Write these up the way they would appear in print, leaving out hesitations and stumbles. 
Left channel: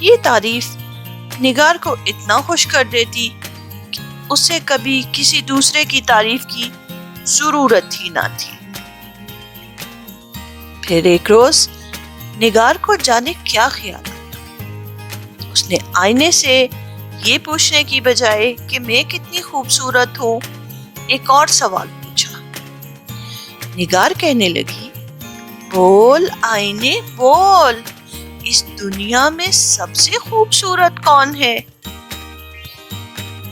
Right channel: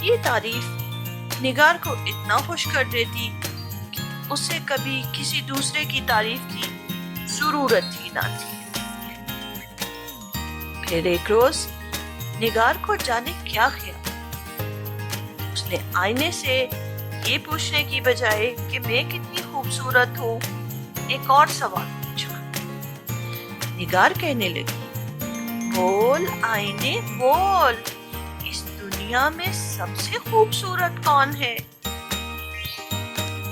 یہ تعریف نگار کو اتنا خوش کر دیتی کہ اسے کبھی کسی دوسرے کی تعریف کی ضرورت ہی نہ تھی۔ پھر ایک روز نگار کو جانے کیا خیال، اس نے آئینے سے یہ پوچھنے کی بجائے کہ میں کتنی خوبصورت ہوں، ایک اور سوال پوچھا۔ نگار کہنے لگی، بول آئینے بول، اس دنیا میں سب سے خوبصورت کون ہے؟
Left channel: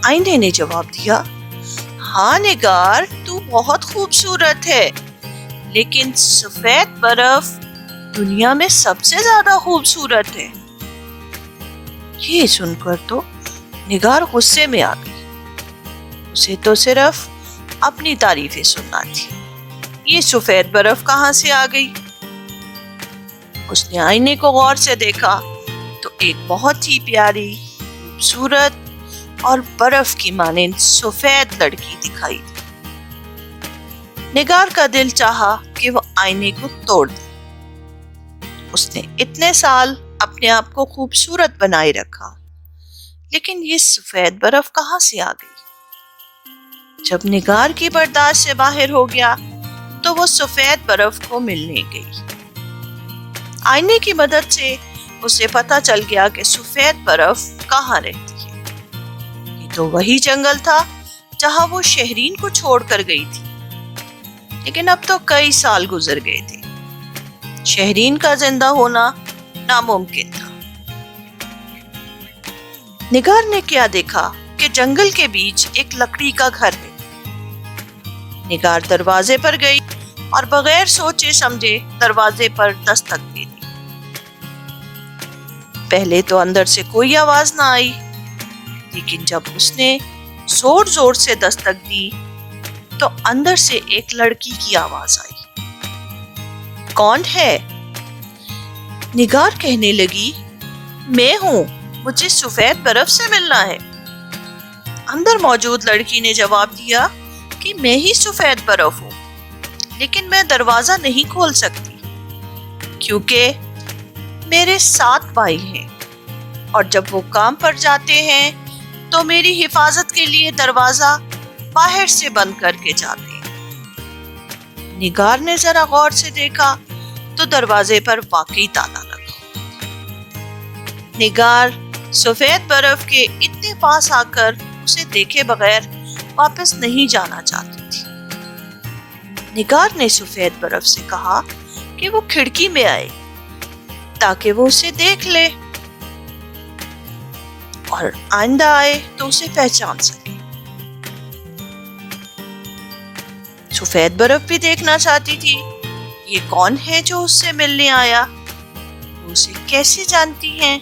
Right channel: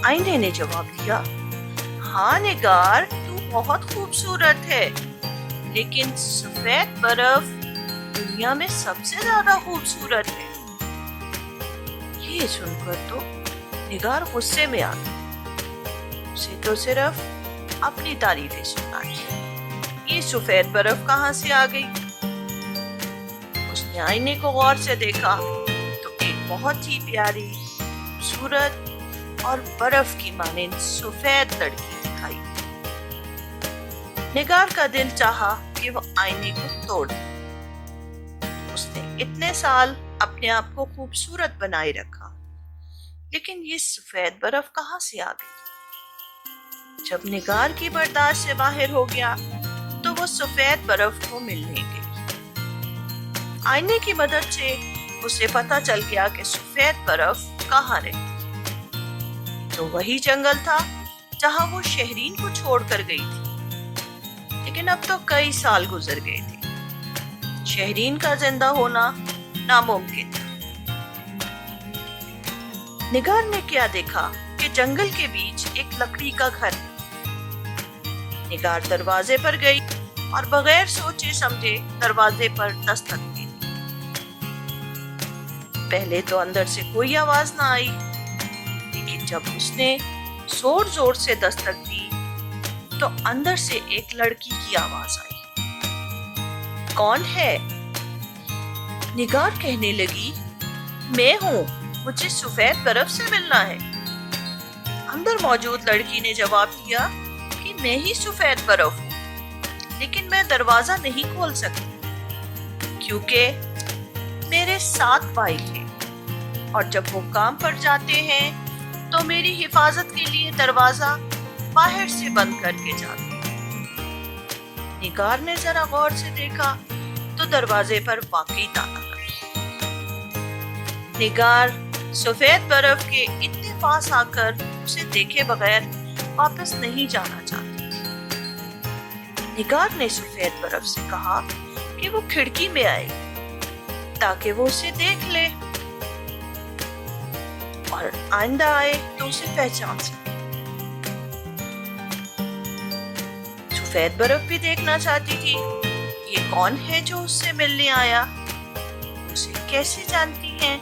آئینے نے جواب دیا، ہاں نگار، تو بہت خوبصورت ہے، لیکن سفید برف دنیا میں سب سے زیادہ خوبصورت ہے۔ یہ سن کر تو نگار غصے میں آ گئی، اسے تو صرف اپنی تعریفیں سننا تھی، یہ سفید برف کہاں سے آ گئی؟ اس نے آئینے کو غور سے دیکھا تو ایک بہت ہی پیاری، خوبصورت اور برف کی مانند سفید لڑکی دکھائی دی۔ نگار کا دل چاہا کہ وہ آئینے کو توڑ دے۔ اس نے اتنے سال اپنے آپ کو خوبصورت بنائے رکھا، لیکن یہ سفید برف کہاں سے آ گئی؟ جب نگار کی برداشت سے باہر ہو گیا تو وہ سفید برف کو ملنے گئی۔ آئینے کی مدد سے اسے پتا چل گیا کہ سفید برف کہاں رہتی ہے۔ یہ تو وہی جنگل تھا جہاں وہ شہرین کو چھوڑ کر گئی تھی، لیکن اب تو کئی سال گزر گئے تھے، شہرین کا زندہ ہونا ناممکن تھا۔ نگار نے کیا دیکھا کہ جنگل کے بیچ ایک لکڑی کا گھر ہے۔ نگار دروازے پر گئی اور بغیر سوچے سمجھے دروازے پر دستک دے دی۔ پہلے تو اندر سے کوئی آواز نہ آئی، لیکن جب اس نے زور زور سے دستک دی تو اندر سے ایک لڑکی کی آواز آئی، کون ہے؟ نگار کہنے لگی، میں ہوں، مجھے سفید برف سے ملنا ہے۔ اندر موجود لڑکی نے جواب دیا کہ میں ہی سفید برف ہوں، لیکن میں دروازہ نہیں کھول سکتی کیونکہ میرے 7 بھائی ہیں، اور جب وہ کام پر جاتے ہیں تو میری حفاظت کے لیے دروازہ باہر سے بند کر کے جاتے ہیں۔ نگار نے ذرا غور سے دیکھا تو دروازے پر واقعی تالا لگا۔ نگار سفید برف کے اتنے پاس آ کر اسے دیکھے بغیر واپس نہیں جانا چاہتی تھی۔ نگار نے سفید برف سے کہا کہ وہ کھڑکی میں آئے تاکہ وہ اسے دیکھ لے اور آئندہ آئے تو اسے پہچان سکے۔ سفید برف بھی دیکھنا چاہتی تھی یہ کون ہے جو اس سے ملنے آیا، وہ اسے کیسے جانتی ہیں؟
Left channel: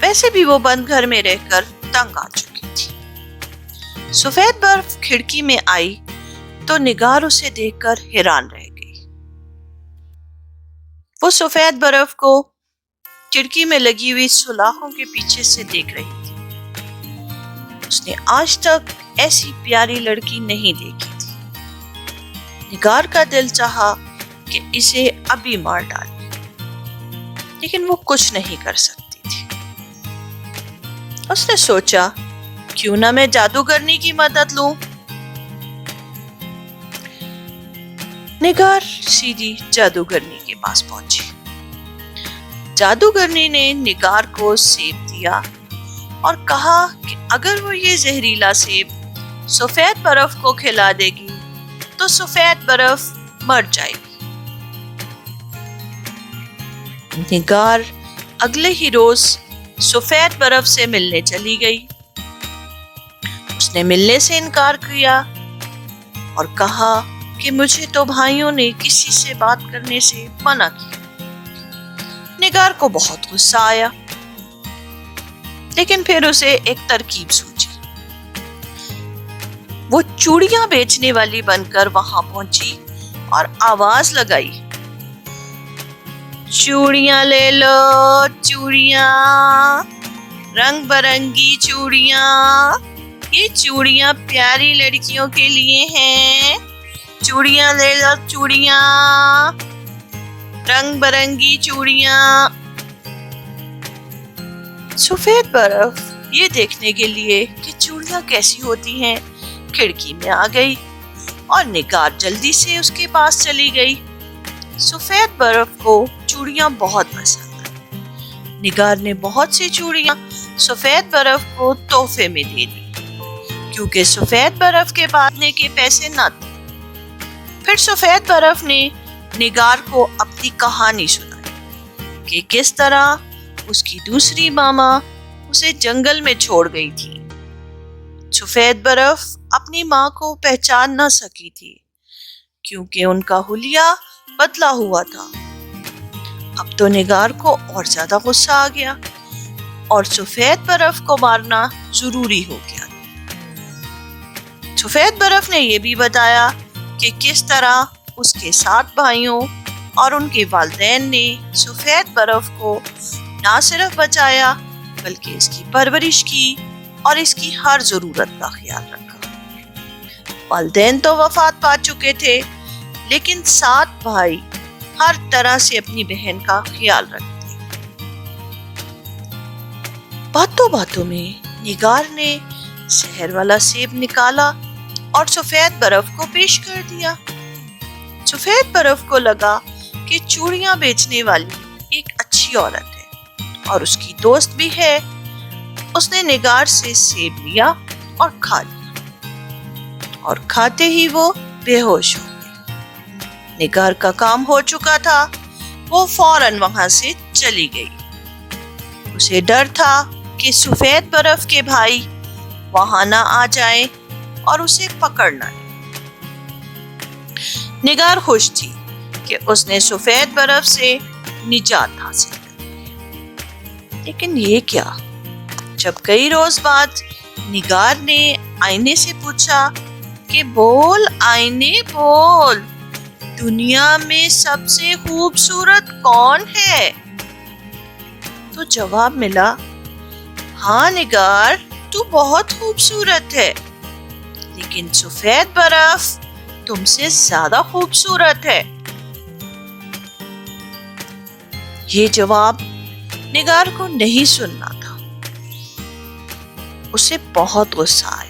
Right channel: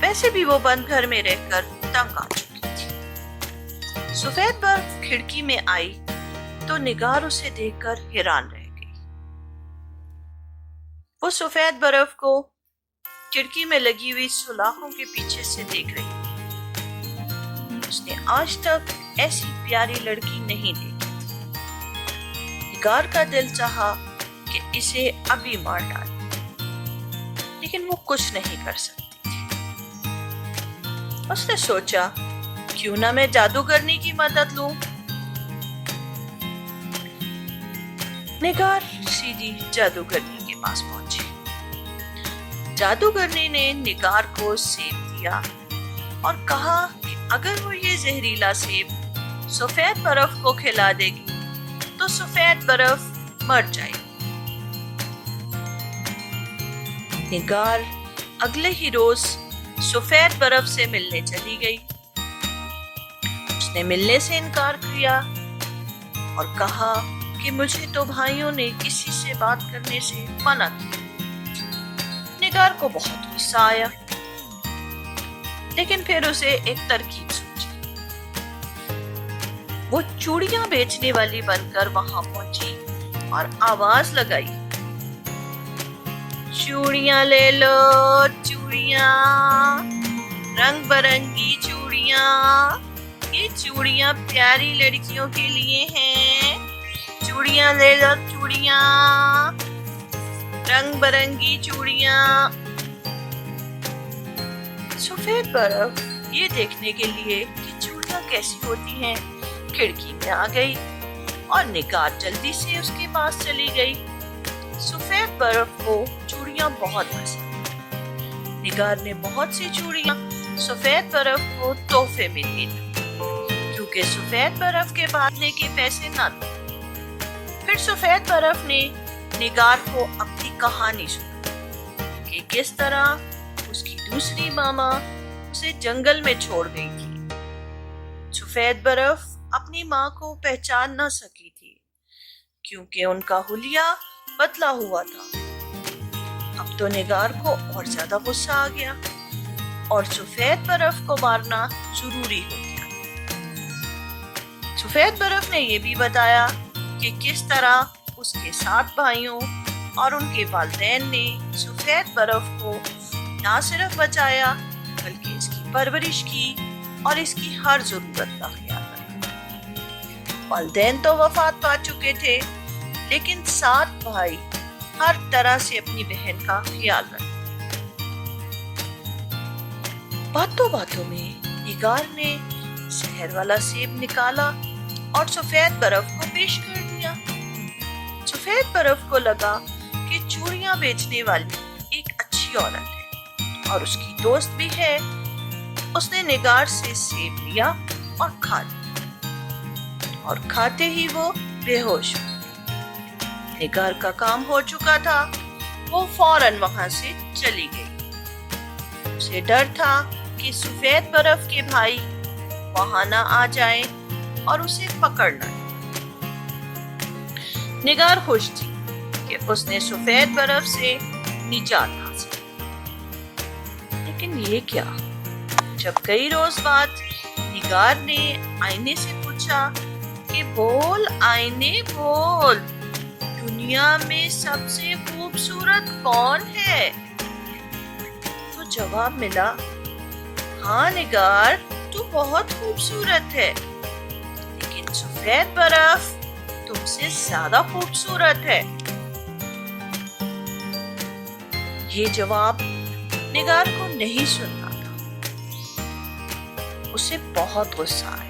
ویسے بھی وہ بند گھر میں رہ کر تنگ آ چکی تھی۔ سفید برف کھڑکی میں آئی تو نگار اسے دیکھ کر حیران رہ گئی۔ وہ سفید برف کو کھڑکی میں لگی ہوئی سلاخوں کے پیچھے سے دیکھ رہی تھی۔ اس نے آج تک ایسی پیاری لڑکی نہیں دیکھی تھی۔ نگار کا دل چاہا کہ اسے ابھی مار ڈالے، لیکن وہ کچھ نہیں کر سکتی تھی۔ اس نے سوچا کیوں نہ میں جادوگرنی کی مدد لوں۔ نگار سیدھی جادوگرنی کے پاس پہنچی۔ جادوگرنی نے نگار کو سیب دیا اور کہا کہ اگر وہ یہ زہریلا سیب سفید برف کو کھلا دے گی تو سفید برف مر جائے گی۔ نگار اگلے ہی روز سفید برف سے ملنے چلی گئی۔ اس نے ملنے سے انکار کیا اور کہا کہ مجھے تو بھائیوں نے کسی سے بات کرنے سے منع کیا۔ نگار کو بہت غصہ آیا، لیکن پھر اسے ایک ترکیب سوچی۔ وہ چوڑیاں بیچنے والی بن کر وہاں پہنچی اور آواز لگائی، چوڑیاں لے لو، چوڑیاں، رنگ برنگی چوڑیاں، یہ چوڑیاں پیاری لڑکیوں کے لیے ہیں، چوڑیاں لے لو، چوڑیاں، رنگ برنگی چوڑیاں۔ سفید برف یہ دیکھنے کے لیے کہ چوڑیاں کیسی ہوتی ہیں کھڑکی میں آ گئی اور نگار جلدی سے اس کے پاس چلی گئی۔ سفید برف کو چوڑیاں بہت پسند آئیں۔ نگار نے بہت سی چوڑیاں سفید برف کو تحفے میں دے دی کیونکہ سفید برف کے باندھنے کے پیسے نہ تھے۔ پھر سفید برف نے نگار کو اپنی کہانی سنائی کہ کس طرح اس کی دوسری ماما اسے جنگل میں چھوڑ گئی تھی۔ سفید برف اپنی ماں کو پہچان نہ سکی تھی کیونکہ ان کا حلیہ بدلا ہوا تھا۔ اب تو نگار کو اور زیادہ غصہ آ گیا اور سفید برف کو مارنا ضروری ہو گیا۔ سفید برف نے یہ بھی بتایا کہ کس طرح اس کے 7 بھائیوں اور ان کے والدین نے سفید برف کو نہ صرف بچایا بلکہ اس کی پرورش کی اور اس کی ہر ضرورت کا خیال رکھا۔ والدین تو وفات پا چکے تھے لیکن 7 بھائی ہر طرح سے اپنی بہن کا خیال رکھتے۔ باتوں باتوں میں نگار نے زہر والا سیب نکالا اور سفید برف کو پیش کر دیا۔ سفید برف کو لگا کہ چوڑیاں بیچنے والی ایک اچھی عورت ہے اور اس کی دوست بھی ہے۔ اس نے نگار سے سیب لیا اور کھا لیا اور کھاتے ہی وہ بے ہوش ہو گئی۔ نگار کا کام ہو چکا تھا، وہ فوراً وہاں سے چلی گئی۔ اسے ڈر تھا کہ سفید برف کے بھائی وہاں نہ آ جائیں اور اسے پکڑ نہ لیں۔ نگار خوش تھی کہ اس نے سفید برف سے نجات حاصل کی۔ لیکن یہ کیا؟ جب کئی روز بعد نگار نے آئینے سے پوچھا کہ بول آئینے بول، دنیا میں سب سے خوبصورت کون ہے؟ تو جواب ملا، ہاں نگار، تو بہت خوبصورت ہے لیکن سفید برف تم سے زیادہ خوبصورت ہے۔ یہ جواب نگار کو نہیں سننا تھا۔ اسے بہت غصہ آیا۔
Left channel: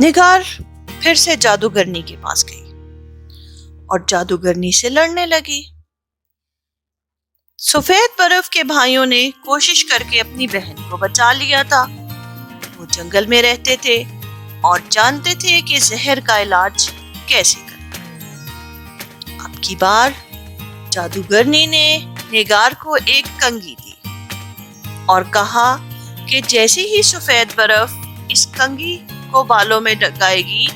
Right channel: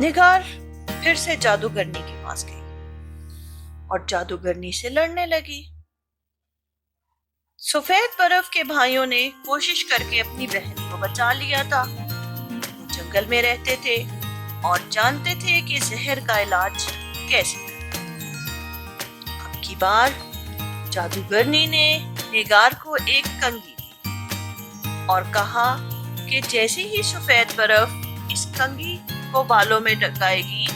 نگار پھر سے جادوگرنی کے پاس گئی اور جادوگرنی سے لڑنے لگی۔ سفید برف کے بھائیوں نے کوشش کر کے اپنی بہن کو بچا لیا تھا۔ وہ جنگل میں رہتے تھے اور جانتے تھے کہ زہر کا علاج کیسے کرنا۔ اب کی بار جادوگرنی نے نگار کو ایک کنگھی دی اور کہا کہ جیسے ہی سفید برف اس کنگھی کو بالوں میں ڈگائے گی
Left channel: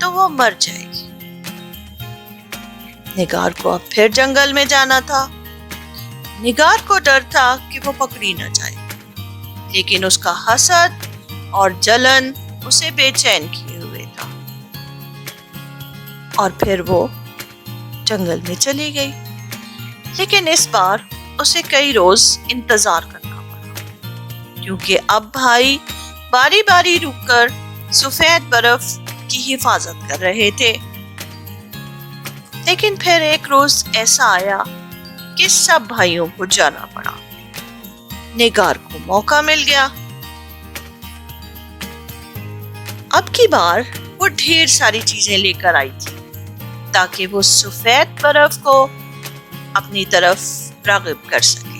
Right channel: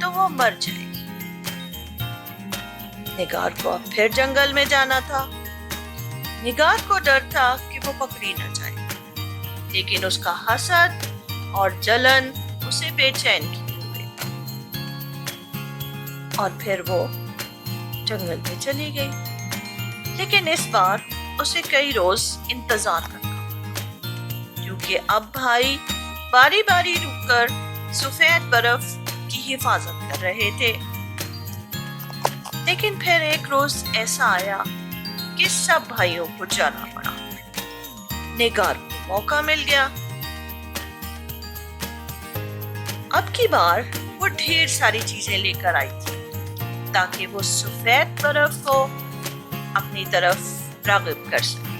تو وہ مر جائے گی۔ نگار کو اب پھر جنگل میں جانا تھا۔ نگار کو ڈر تھا کہ وہ پکڑی نہ جائے، لیکن اس کا حسد اور جلن اسے بے چین کیے ہوئے تھا، اور پھر وہ جنگل میں چلی گئی۔ لیکن اس بار اسے کئی روز انتظار کرنا پڑا کیونکہ اب بھائی باری باری رک کر سفید برف کی حفاظت کر رہے تھے۔ لیکن پھر ایک روز ایسا آیا کہ سب بھائیوں کو جانا پڑا۔ نگار کو موقع مل گیا۔ اب کی بار وہ ڈھیر ساری چیزیں لے کر آئی تھی تاکہ وہ سفید برف کو اپنی طرف راغب کر سکے۔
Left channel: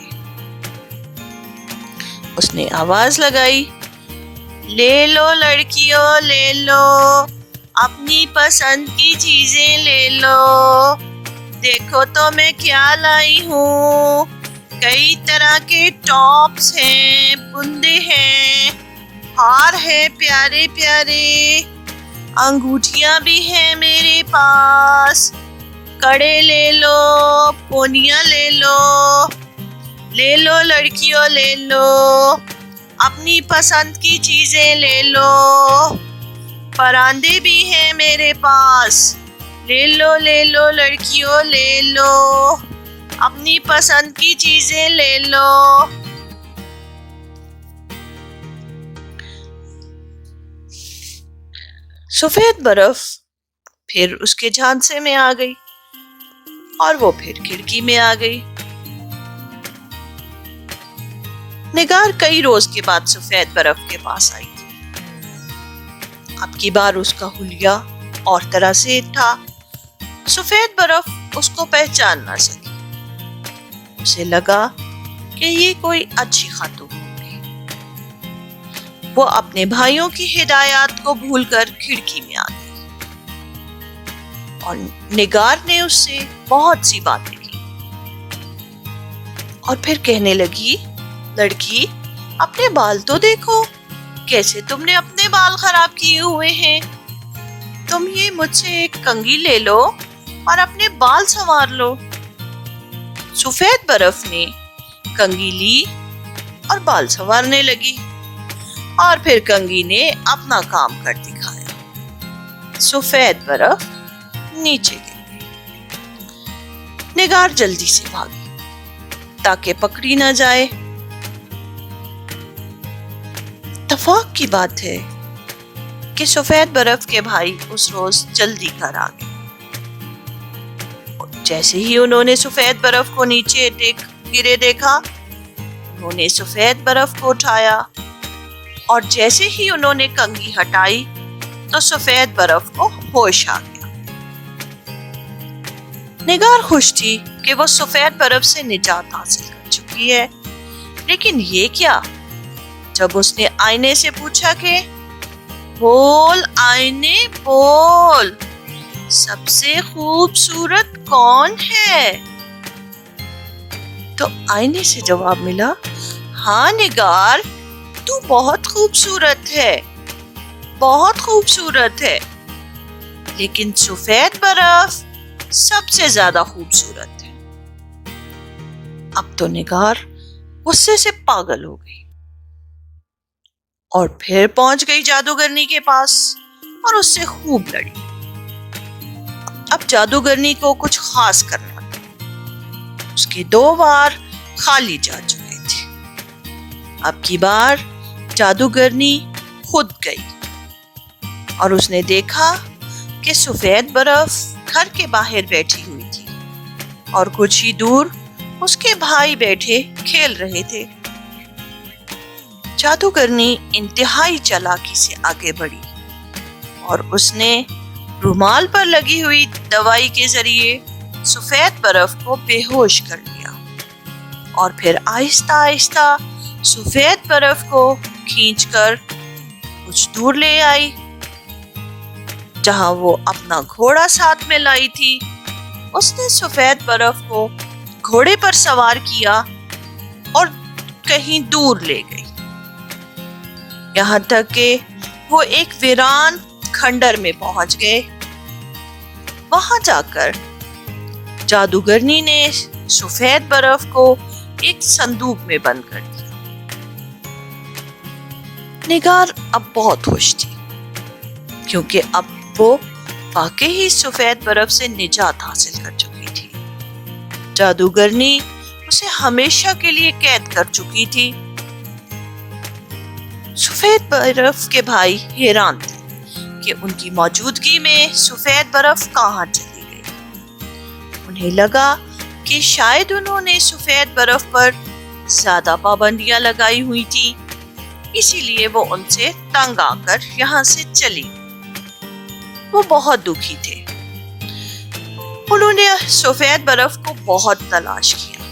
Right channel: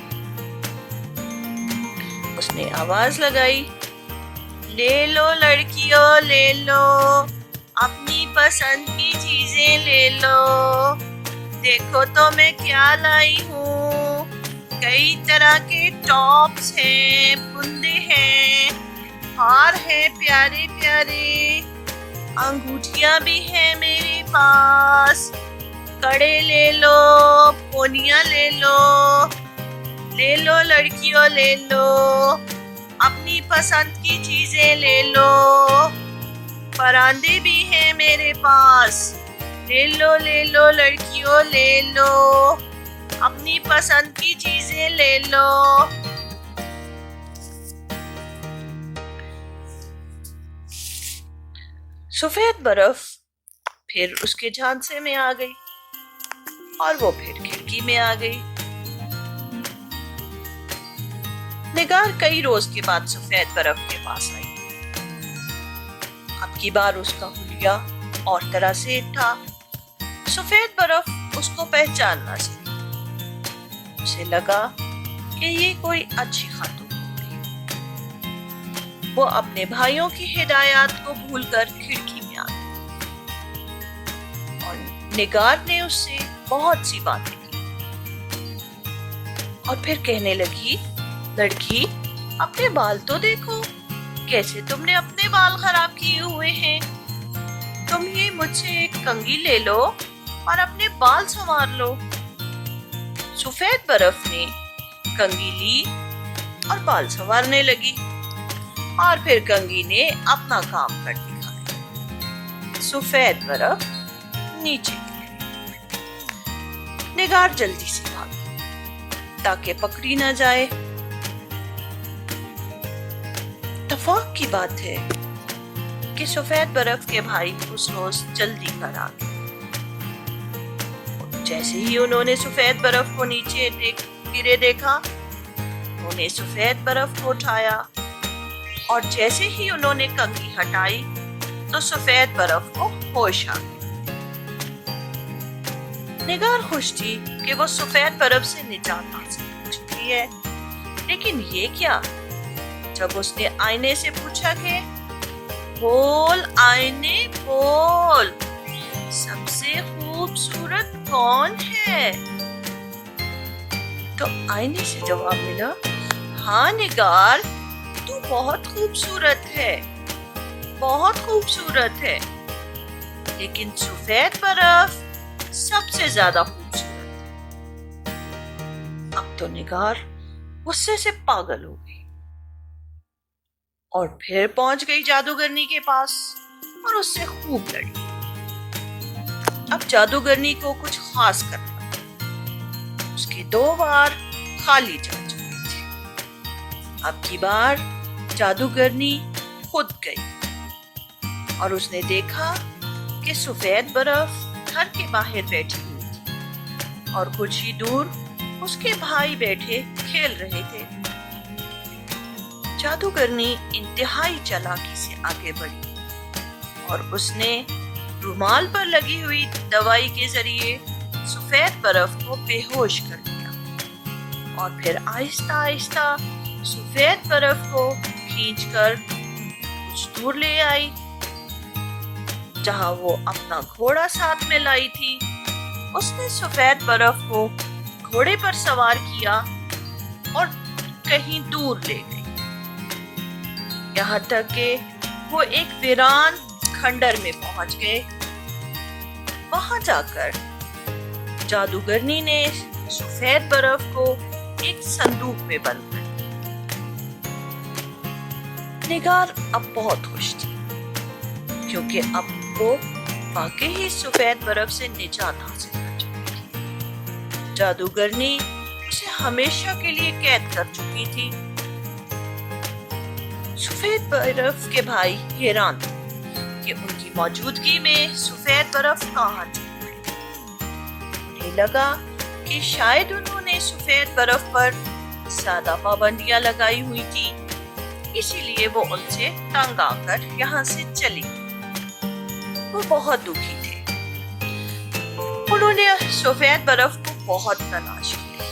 اس نے آواز لگائی، لے لو لڑکیوں لے لو، اپنی پسند کی چیزیں لے لو، دیکھو تو میں کیا لائی ہوں، کئی طرح کے ٹاپس ہیں، بندے ہیں، ہار ہے پیارے پیارے، انگوٹھیاں بھی ہیں میرے پاس، کڑے لے لو، پونیاں لے لو، لے لو لڑکیوں لے لو، اپنی پسند کی چیزیں لے لو، پراندے بھی ہیں میرے پاس، لے لو لڑکیوں لے لو، اپنی پسند کی چیزیں لے لو۔ سفید برف پھر اس کے جھانسے میں آ گئی اور وہ پھر کھڑکی میں آ گئی۔ نگار کئی روز کے بعد سفید برف کے پاس آئی تھی۔ اب کی بار اس کا حلیہ اور طرح سے تھا۔ سفید برف اس کو پہچان نہ سکی۔ اسے لگا کہ یہ کوئی اچھی خاتون ہوگی۔ وہ اپنے بھائیوں کی ہدایات کو بھول کر کھڑکی میں آ گئی اور نگار نے اس سے بہت سی باتیں کی اور پھر کہنے لگی، لڑکی اپنے بال تو دیکھو، کیسے تم نے اپنے بال خراب کیے ہوئے ہیں۔ تم یہ مجھ سے ایک کنگھی لے لو اور اپنے بال سنوار لو۔ سفید برف نے کنگھی لی اور بال سنوارنے لگی اور پھر کنگھی نے اپنا کام کر دکھایا۔ سفید برف نیچے گر گئی۔ نگار جلدی سے بھاگی تاکہ پکڑی نہ جائے۔ اتفاق کی بات ہے کہ سفید برف کے بھائی اس روز جلدی گھر آ گئے۔ جیسے ہی انہوں نے سفید برف کو نیچے گرے دیکھا، انہوں نے سفید برف کو اٹھایا اور جیسے ہی انہوں نے کنگھی ہٹائی تو سفید برف کو ہوش آ گیا۔ نگار خوش تھی کہ وہ سفید برف سے نجات حاصل کر چکی ہے، لیکن یہ کیا؟ جب اس نے آئینے سے پوچھا کہ بول آئینے بول، سب سے خوبصورت کون ہے؟ تو آئینے سے جواب ملا، ہاں نگار، تو بہت خوبصورت ہے، بہت خوبصورت ہے، لیکن سفید برف سب سے زیادہ خوبصورت ہے۔ اب تو نگار غصے سے پاگل ہو گئی اور پھر پہنچ گئی جادوگرنی کے پاس اور اس سے خوب لڑی۔ اب جادوگرنی کو کچھ خاص کرنا تھا۔ اس کے 2 بار خالی جا چکے تھے۔ اب کی بار جادوگرنی خود گئی اور اس نے دیکھا کہ سفید برف گھر کے باہر بیٹھی ہوئی تھی اور کچھ ہی دور اس کے بھائی بیٹھے کھیل رہے تھے۔ جادوگرنی انتہائی چالاکی سے آگے بڑھی اور اس نے رومال پر لگی ہوئی دوائی کے ذریعے سفید برف کو بے ہوش کر لیا اور پھر آہستہ آہستہ سفید برف کو کھینچ کر کچھ دور لے آئی۔ جہاں وہ اپنا گھوڑا ساتھ میں لائی تھی، اس نے سفید برف کو گھوڑے پر سوار کیا اور کہیں دور لے گئی، یہاں تک کہ وہ ایک ویران کھنڈر میں پہنچ گئے۔ وہاں جا کر جادوگرنی نے سفید برف کو ایک صندوق میں بند کر دیا۔ نگار اب بہت خوش تھی کیونکہ اب وہ واقعی ہی سفید برف سے نجات حاصل کر چکی تھی۔ جادوگرنی اسے ہمیشہ کے لیے قید کر چکی تھی۔ سفید برف کے بھائی حیران تھے کہ ان کی موجودگی میں سفید برف کہاں چلی گئی۔ انہیں لگا کہ شاید انہوں نے سفید برف پر زیادہ پابندیاں لگائی ہوئی تھی، اسی لیے وہ ان سے تنگ آ کر یہاں سے چلی۔ وہ بہت دکھی تھے۔ انہوں نے سفید برف کو بہت تلاش کیا،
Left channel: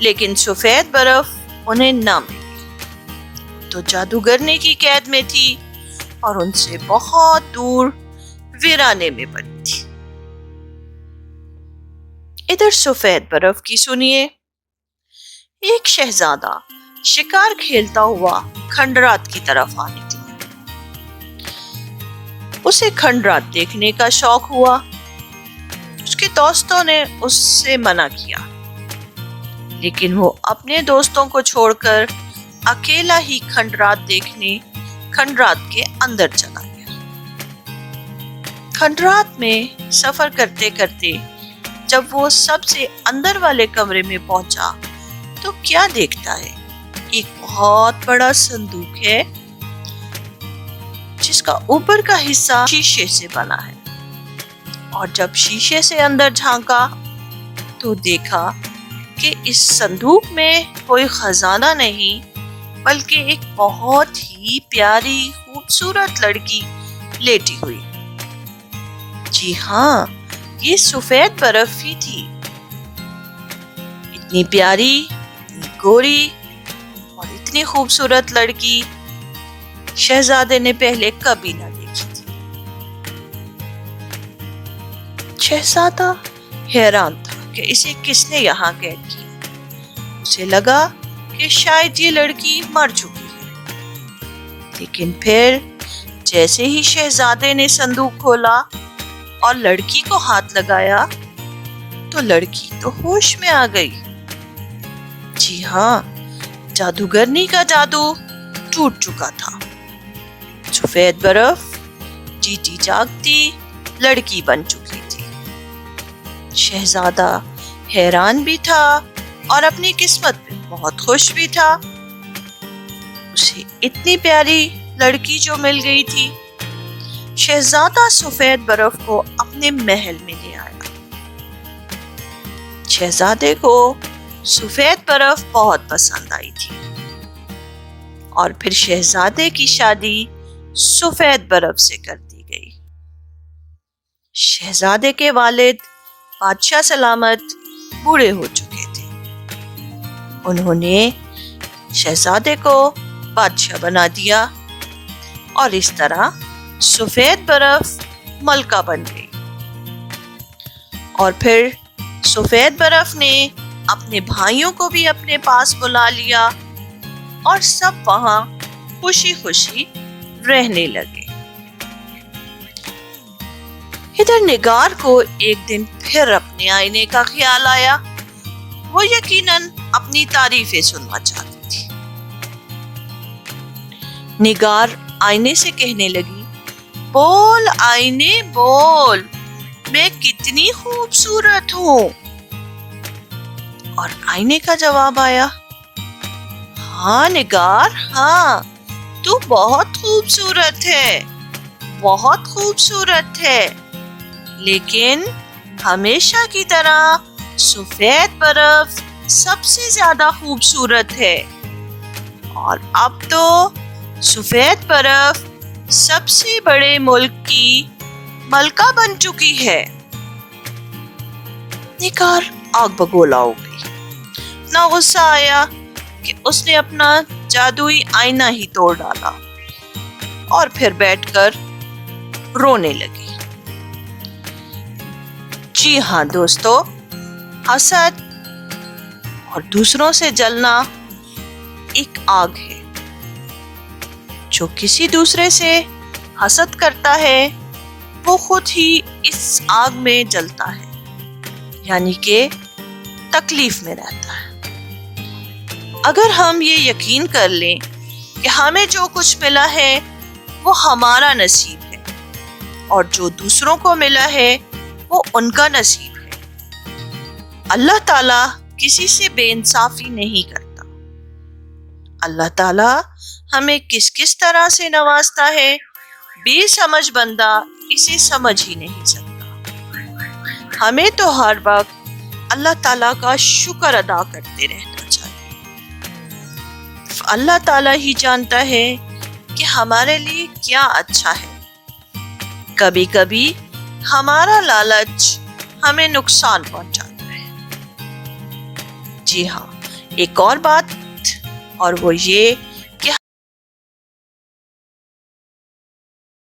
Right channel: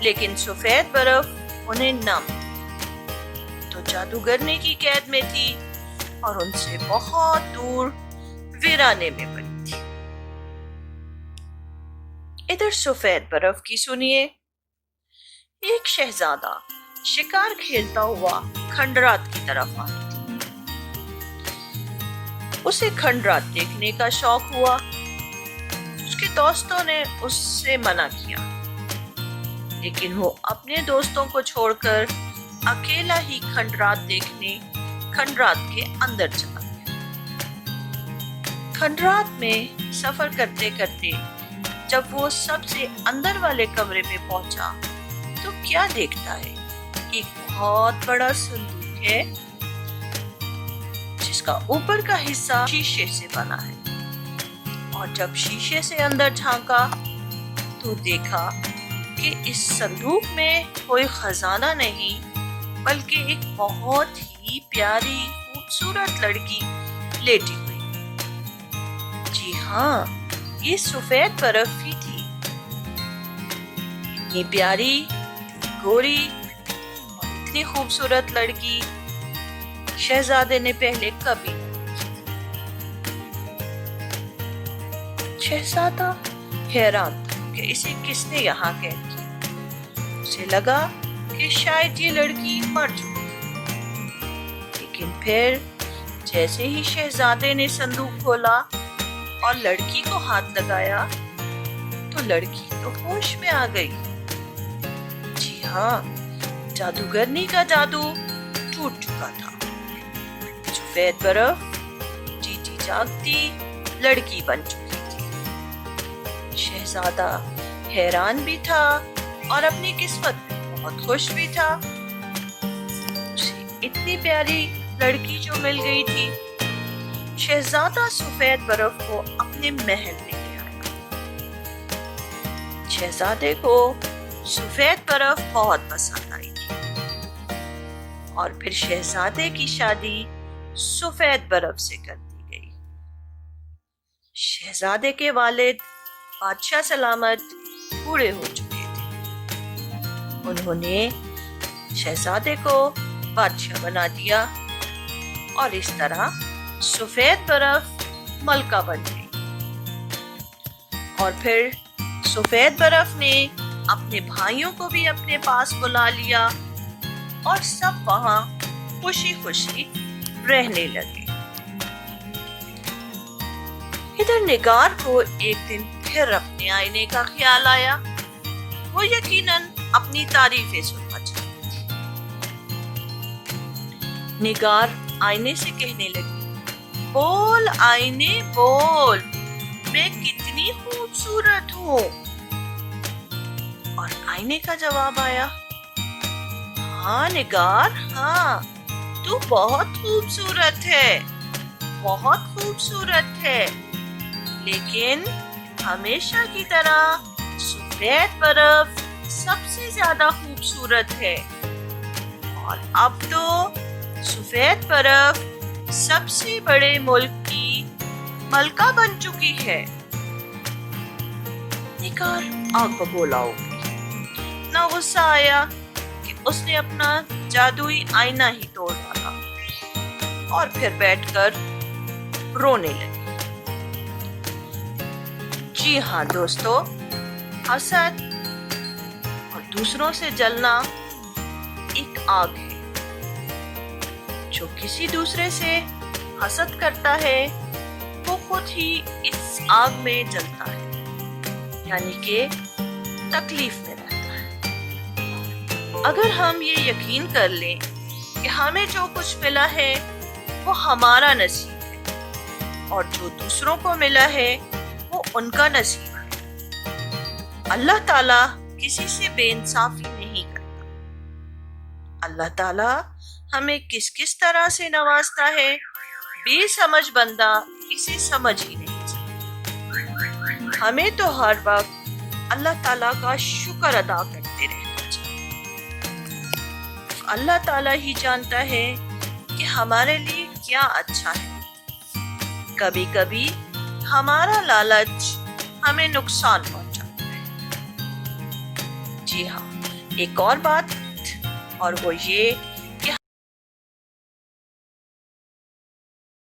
لیکن سفید برف انہیں نہ ملی۔ تو جادوگرنی کی قید میں تھی اور ان سے بہت دور ویرانے میں پڑی تھی۔ ادھر سفید برف کی سنیے۔ ایک شہزادہ شکار کھیلتا ہوا کھنڈرات کی طرف آئی تھی۔ اسے کھنڈرات دیکھنے کا شوق ہوا۔ اس کے دوستوں نے اس سے منع کیا، لیکن وہ اپنے دوستوں کو چھوڑ کر اکیلا ہی کھنڈرات دیکھنے کھنڈرات کے اندر چلا گیا۔ کھنڈرات میں سفر کرتے کرتے جب وہ سب سے اندر والے کمرے میں پہنچا تو کیا دیکھتا ہے؟ ایک بہت بڑا صندوق ہے جس کا اوپر کا حصہ شیشے سے بنا ہے، اور جب شیشے سے اندر جھانکا تو دیکھا کہ اس صندوق میں کوئی خزانہ نہیں بلکہ ایک بہت ہی پیاری خوبصورت لڑکی لیٹی ہوئی. جی ہاں، یہ سفید برف ہی تھی. اتنی پیاری، اتنی گوری اور اتنی خوبصورت لڑکی شہزادے نے پہلے کبھی نہ دیکھی تھی. شہزادہ حیران تھا کہ اسے کس نے یہاں قید کیا. اسے لگا کہ شاید یہ لڑکی مر چکی ہے. لیکن پھر جیسے ہی شہزادے نے صندوق کھولا اور لڑکی کو ہاتھ لگایا تو لڑکی تو ہوش میں آ گئی. جی ہاں، جادوگرنی کا جادو ٹوٹ چکا تھا. سفید برف جیتی جاگتی لڑکی بن چکی تھی. شہزادہ حیران بھی تھا اور اپنی قسمت پہ بہت خوش بھی تھا. اسے اتنی پیاری لڑکی جو مل گئی تھی. شہزادہ سفید برف کو اپنے محل میں لے آیا. شہزادے کو سفید برف بہت پسند آئی تھی اور پھر شہزادے کی شادی سفید برف سے کر دی گئی. شہزادے کے والد بادشاہ سلامت بوڑھے ہو چکے تھے. انہوں نے شہزادے کو بادشاہ بنا دیا اور اس طرح سفید برف ملکہ بن گئی. اور پھر سفید برف نے اپنے بھائیوں کو بھی اپنے پاس بلا لیا اور سب وہاں خوشی خوشی رہنے لگے. ادھر نگار کو ایک دن پھر اپنے آئینے کا خیال آیا. وہ یقیناً اپنی تعریفیں سننا چاہتی تھی. نگار آئینے سے کہنے لگی، بول آئینے بول، میں کتنی خوبصورت ہوں. اور آئینے کا جواب آیا، ہاں نگار، ہاں تو بہت خوبصورت ہے، بہت خوبصورت ہے، لیکن ہمیشہ کی طرح سفید برف سب سے زیادہ خوبصورت ہے. اور اب تو سفید برف سب سے بڑے ملک کی ملکہ بن چکی ہے. نگار آگ بگولا ہو گئی. اتنا غصہ آیا کہ اس نے اپنا جادوئی آئینہ ہی توڑ ڈالا اور پھر بیٹھ کر رونے لگی. جی ہاں دوستو، حسد اور دوسروں سے جلنا ایک آگ ہے. جو کسی دوسرے سے حسد کرتا ہے وہ خود ہی اس آگ میں جلتا ہے، یعنی کہ تکلیف میں رہتا ہے. اگر ہم یہ یقین کر لیں کہ ہمیں جو کچھ ملا ہے وہ ہمارا نصیب ہے اور جو دوسروں کو ملا ہے وہ ان کا نصیب ہے. اللہ تعالیٰ کسی سے بے انصافی نہیں کرتا. اللہ تعالیٰ ہمیں کس کس طرح سے نوازتا ہے، بے سمجھ بندہ اسے سمجھ ہی نہیں سکتا. ہمیں تو ہر وقت اللہ تعالیٰ کا شکر ادا کرتے رہنا چاہیے. اللہ تعالیٰ ہی جانتا ہے کہ ہمارے لیے کیا اچھا ہے. کبھی کبھی ہمارا لالچ ہمیں نقصان پہنچاتا ہے. جی ہاں، ایک اور بات اور وہ یہ